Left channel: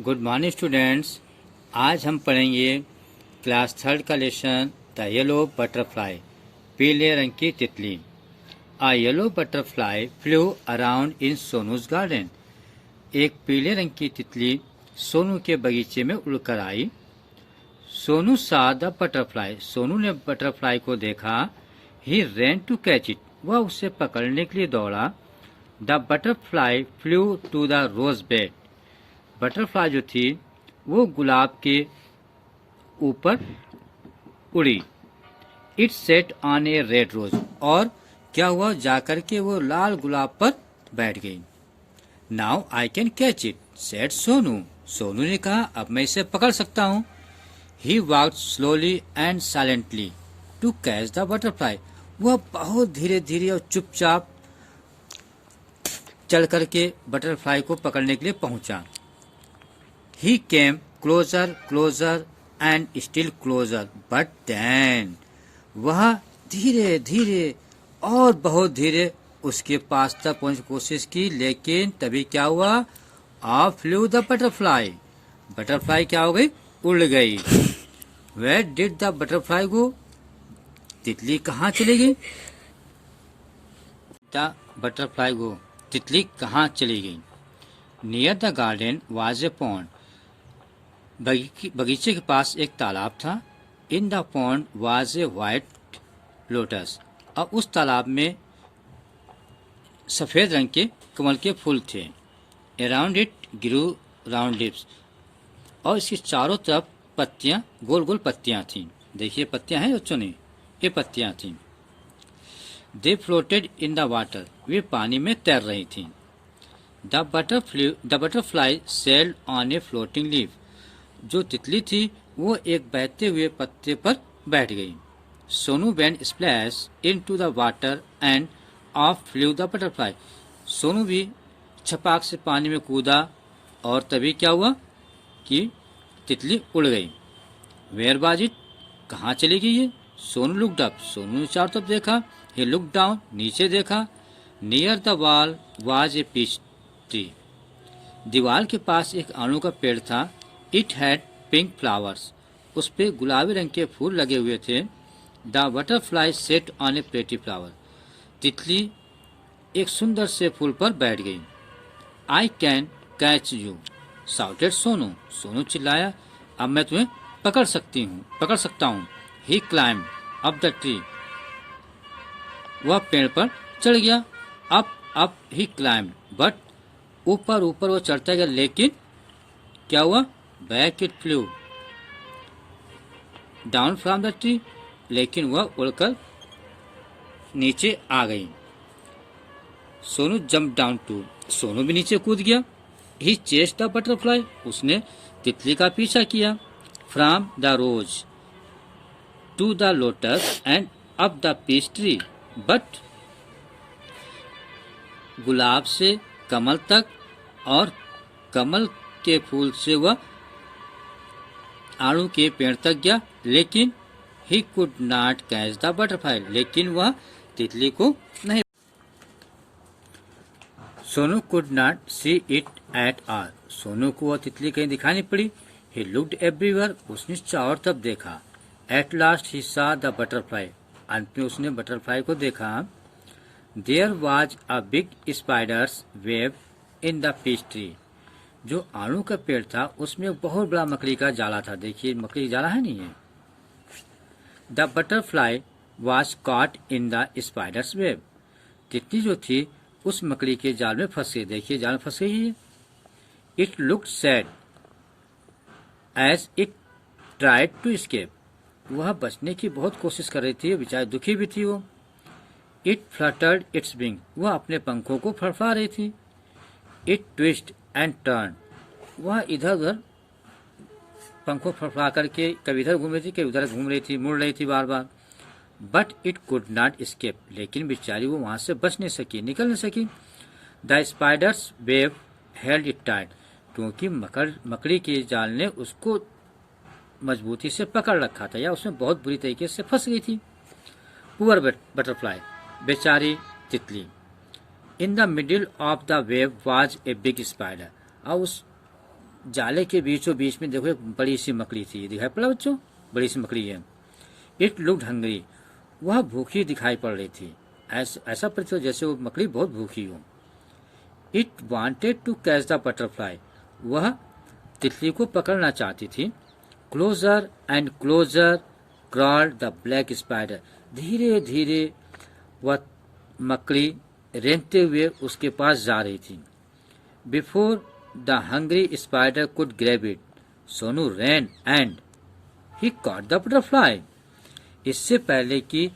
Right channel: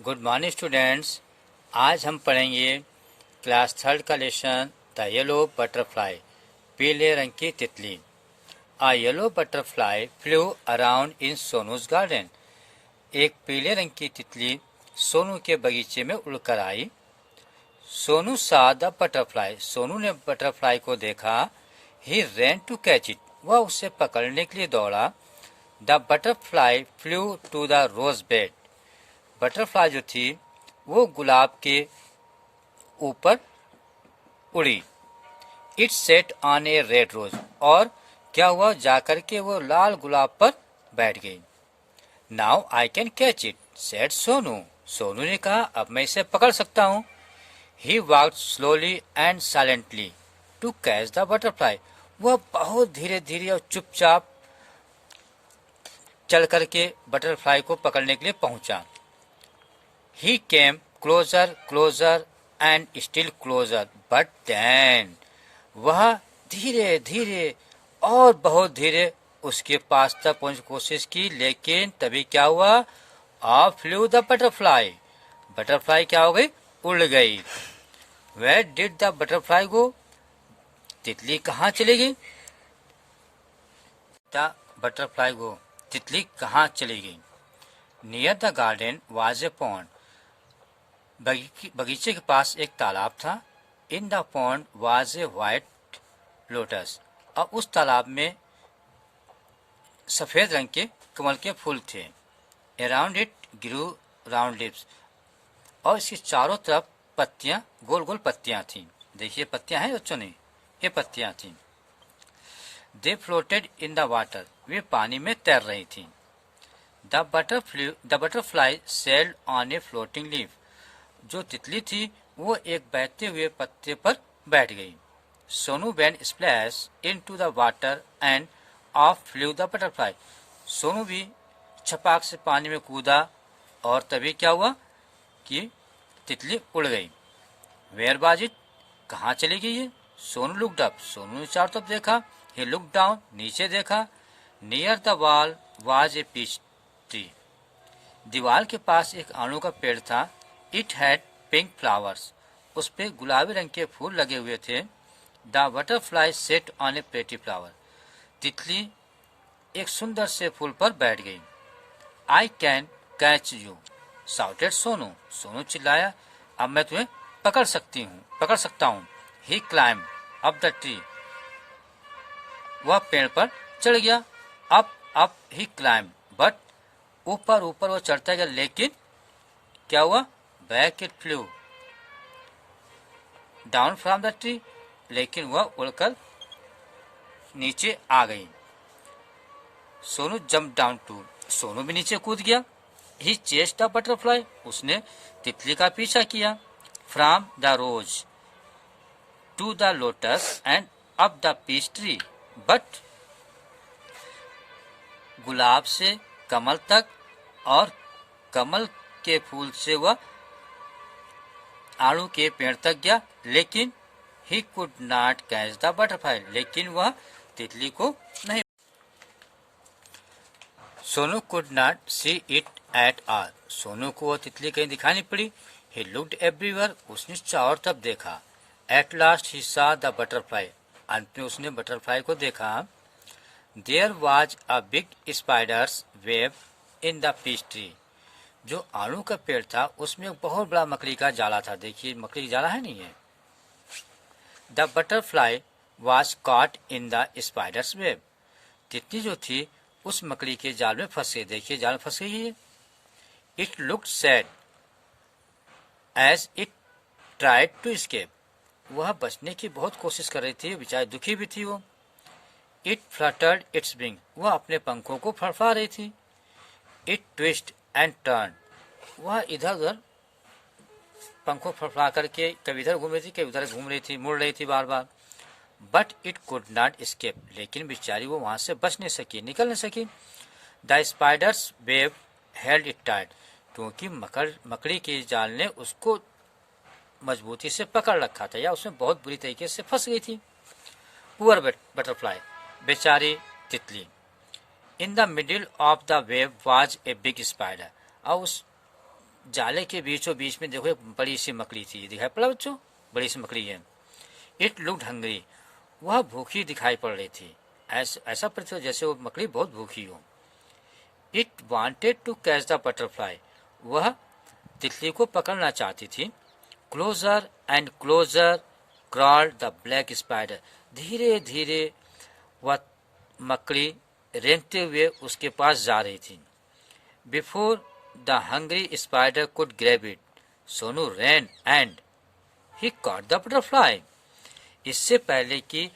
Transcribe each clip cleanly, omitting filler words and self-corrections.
Good morning students. आज हम पढ़ेंगे क्लास थर्ड का लेसन द येलो बटरफ्लाई, पीले रंग की तितली। A yellow butterfly flew around in Sonu's garden. एक पीले रंग की तितली सोनू के बगीचे में उड़कर आई। सोनू सा द बटरफ्लाई, सोनू ने बटरफ्लाई को देखा। He ran to catch it, वह उसे पकड़ने के लिए दौड़ा। The butterfly flew to the rose bed, butterfly जो थी वो गुलाब के ऊपर उड़ी। It sat on a red rose, और क्या हुआ, जाकर के वो लाल गुलाब पर बैठ गई। Now I can catch it said Sonu, Sonu ने कहा अब मैं इसे पकड़ सकता हूँ। He walked slowly and silently to catch the butterfly, वह बहुत धीरे धीरे और चुपचाप चल करके बटरफ्लाई को पकड़ने के लिए पहुंचा। He came closer, closer and still closer, but then वह धीरे धीरे और बहुत धीरे उसके पास तक पहुंचने की कोशिश की, लेकिन तभी क्या हुआ, of flu the butterfly, butterfly क्या हो गई, उड़ गई। Where did the butterfly go? तितली कहाँ चली गई? The butterfly go, तितली कहाँ चली गई? Near the garden was a pond, बगीचे के पास एक तालाब था। In the pond was a white lotus, और उस तालाब में सफेद रंग के कमल के फूल थे। Around it grew round lips, और इसकी चारों तरफ पत्तियां, गोल गोल पत्तियां थीं। देखिए पत्तियां हैं बच्चों ने, ये पत्तियां थीं। दे फ्लोटेड इन द वाटर, वे पानी में तैर रही थीं। The butterfly sailed on a floating leaf, जो तितली थी वो एक बहते हुए पत्ते पर बैठ गई। Sonu went splash into the water end of flu the butterfly, Sonu भी छपाक से पानी में कूदा, और तभी क्या हुआ कि तितली उड़ गई। वेयर वाज इट, कहाँ चली गई है? सोनू लुक्ड अप, सोनू ने चारों तरफ देखा। ही लुक्ड डाउन, नीचे देखा। Near the wall was a peach tree, दीवार के पास एक आड़ू का पेड़ था। इट हैड पिंक फ्लावर्स, उस पे गुलाबी रंग के फूल लगे हुए थे। The butterfly set on A pretty flower, तितली एक सुंदर से फूल पर बैठ गई। आई can catch you shouted Sonu, Sonu चिल्लाया अब मैं तुम्हें पकड़ सकता हूँ। ही क्लाइम अप द ट्री, वह पेड़ पर चढ़ गया। अप ही क्लाइम, बट ऊपर वो चढ़ता गया, लेकिन क्या हुआ, back it flew down from the tree, लेकिन वह उड़कर नीचे आ गई। Sonu jump down too, Sonu भी नीचे कूद गया। ही चेस्ड द बटरफ्लाई, उसने तितली का पीछा किया। From the rose to the lotus and up the peach tree, but गुलाब से कमल तक और कमल के फूल से वह आड़ू के पेड़ तक गया, लेकिन he could not catch the butterfly, लेकिन वह तितली को नहीं। Sonu could not see it at all, Sonu को वह तितली कहीं दिखाई नहीं पड़ी। ही लुक्ड एवरीवेयर, उसने चारों तरफ देखा। एट लास्ट ही सा द बटरफ्लाई, अंत में उसने बटरफ्लाई को देखा। There was a big spider's web in the peach tree, जो आड़ू का पेड़ था उसमें बहुत बड़ा मकड़ी का जाला था। देखिए मकड़ी का जाला है नहीं है। The butterfly was caught in the spiders web, तितली जो थी उस मकड़ी के जाल में फंस गई। देखिए जाल में फंस गई है। It looked sad as it tried to escape, वह बचने की बहुत कोशिश कर रही थी, बेचारी दुखी भी थी वो। इट फ्लटर्ड इट्स विंग, वह अपने पंखों को फड़फड़ा रही थी। इट ट्विस्ट एंड टर्न, वह इधर उधर पंखों फड़फड़ा करके कभी इधर घूम रही थी, कभी उधर घूम रही थी, मुड़ रही थी बार बार। But it could not escape, लेकिन बेचारी वो वहां से बच नहीं सकी, निकल नहीं सकी। The spiders web held it tight, क्योंकि मकड़ी के जाल ने उसको मजबूती से पकड़ रखा था, या उसमें बहुत बुरी तरीके से फंस गई थी। पुअर बटरफ्लाई, बेचारी तितली। In the middle of the web was a big spider, और उस जाले के बीचों बीच में देखो एक बड़ी सी मकड़ी थी, दिखाई पड़ा बच्चों, बड़ी सी मकड़ी है। इट लुक्ड हंग्री, वह भूखी दिखाई पड़ रही थी, ऐसा प्रतीत हुआ जैसे वो मकड़ी बहुत भूखी हो। It wanted to catch the butterfly, वह तितली को पकड़ना चाहती थी। Closer and closer crawled the black spider, धीरे धीरे वह मकड़ी रेंगते हुए उसके पास जा रही थी। Before the hungry spider could grab it, Sonu ran and he caught the butterfly, इससे पहले कि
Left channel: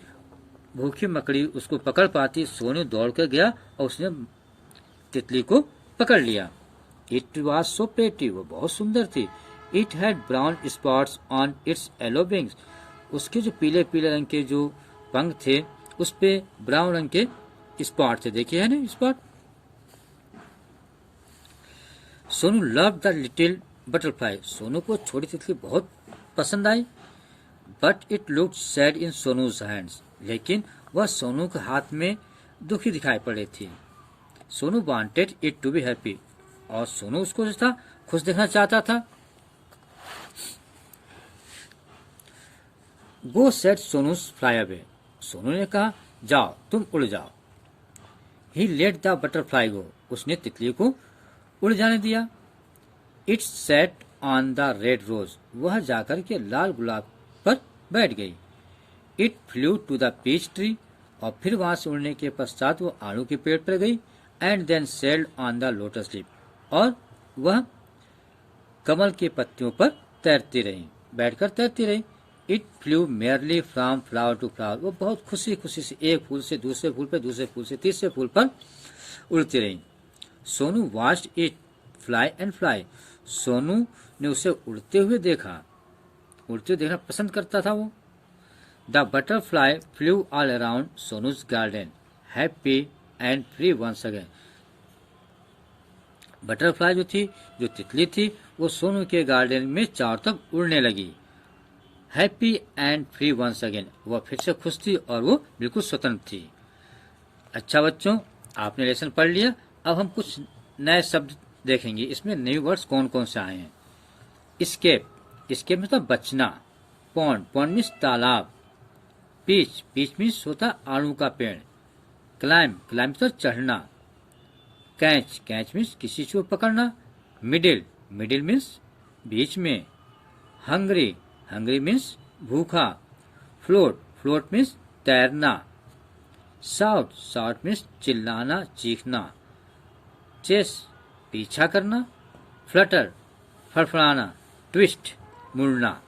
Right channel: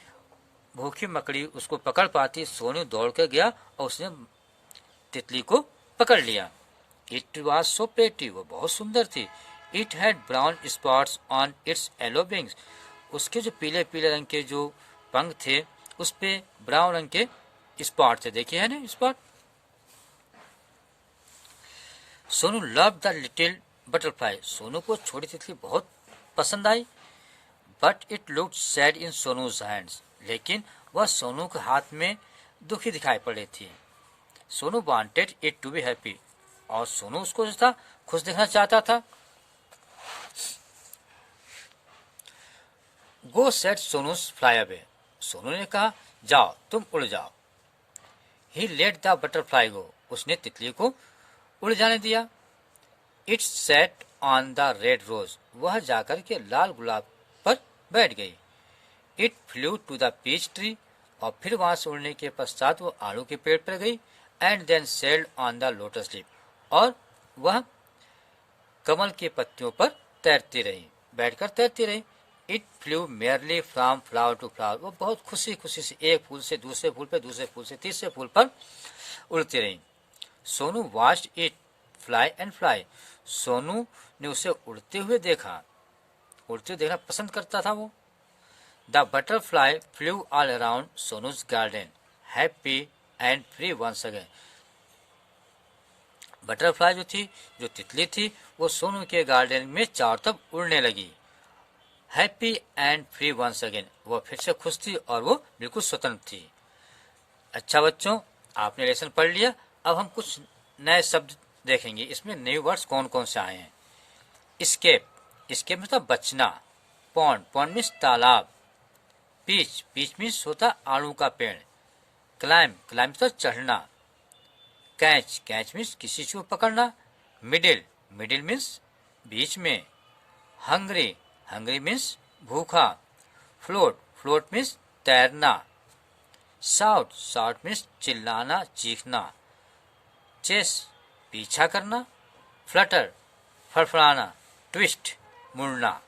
भूखी मकड़ी उसको पकड़ पाती, सोनू दौड़ कर गया और उसने तितली को पकड़ लिया। इट वॉज सो प्रेटी, वो बहुत सुंदर थी। It had brown spots on it's yellow wings, उसके जो पीले पीले रंग के जो पंख थे उस पे ब्राउन रंग के स्पॉट थे, देखिए है ना spot. Sonu love the little butterfly, Sonu को छोटी तितली बहुत पसंद आई। But it looked sad in Sonu's hands, लेकिन वह सोनू के हाथ में दुखी दिखाई पड़ रही थी। Sonu wanted it to be happy, और सोनू उसको जो था खुश देखना चाहता था। Go said Sonu fly away, Sonu ने कहा जाओ तुम उड़ जाओ। He let the butterfly go, उसने तितली को उड़ जाने दिया। It sat on the red rose, वह जाकर के लाल गुलाब पर बैठ गई। It flew to the peach tree, और फिर वहां से उड़ने के पश्चात वो आड़ू के पेड़ पर गई। And then sailed on the lotus leaf, और वह कमल के पत्तियों पर तैरती रही, बैठकर तैरती रही। It flew merrily from flower to flower, वो बहुत खुशी खुशी से एक फूल से दूसरे फूल पर, दूसरे फूल से तीसरे फूल पर उड़ती रही। Sonu watched it fly and fly, Sonu ने उसे उड़ते हुए देखा, उड़ते हुए देखना पसंद करता था वो। The butterfly flew all around Sonu's garden, happy and free once again, butterfly जो थी, जो तितली थी, वो सोनू के गार्डन में चारों तरफ उड़ने लगी। Happy and free once again, वह फिर से खुश थी और वो बिल्कुल स्वतंत्र थी। अच्छा बच्चों, आपने लेसन पढ़ लिया। अब हम कुछ नए शब्द देखेंगे, इसमें न्यू वर्ड्स कौन कौन से आए हैं। स्केप, स्केप मतलब बचना। पॉन्ड, पॉन्ड मीन्स तालाब। पीच, पीच मीन्स होता आड़ू का पेड़। क्लाइम, क्लाइम मतलब चढ़ना। कैच, कैच मीन्स किसी चीज को पकड़ना। मिडिल, मिडिल मीन्स बीच में। हंग्री, हंग्री मीन्स भूखा। फ्लोट, फ्लोट मीन्स तैरना। शाउट, शाउट मीन्स चिल्लाना, चीखना। चेस, पीछा करना। फ्लटर, फड़फड़ाना। ट्विस्ट, मुड़ना।